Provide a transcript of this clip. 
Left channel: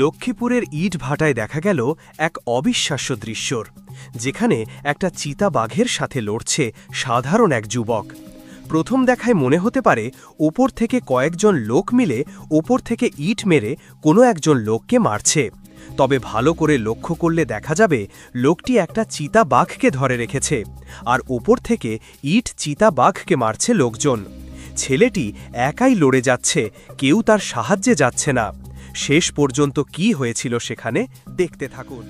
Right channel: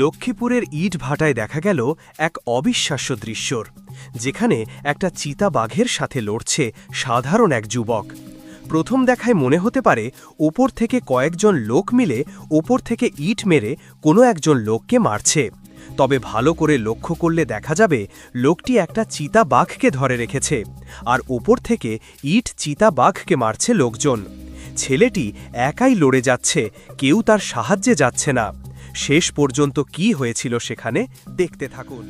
লক্ষ্মীপুরের ইটভাটায় দেখা গেল এক অবিশ্বাস্য দৃশ্যর, যেখানে একটা চিতাবাঘের সাথে লড়ছে সাধারণ এক যুবক। প্রথম দেখায় মনে হতে পারে ওপর থেকে কয়েকজন লোক মিলে ওপর থেকে ইট মেরে কোনো একজন লোককে মারছে। তবে ভালো করে লক্ষ্য করলে দেখা যাবে লোকটি একটা চিতাবাঘকে ধরে রেখেছে, আর ওপর থেকে ইট চিতাবাঘকে মারছে লোকজন। ছেলেটি একাই লড়ে যাচ্ছে, কেউ তার সাহায্যে যাচ্ছে না। শেষ পর্যন্ত কি হয়েছিল সেখানে দেখতে থাকুন।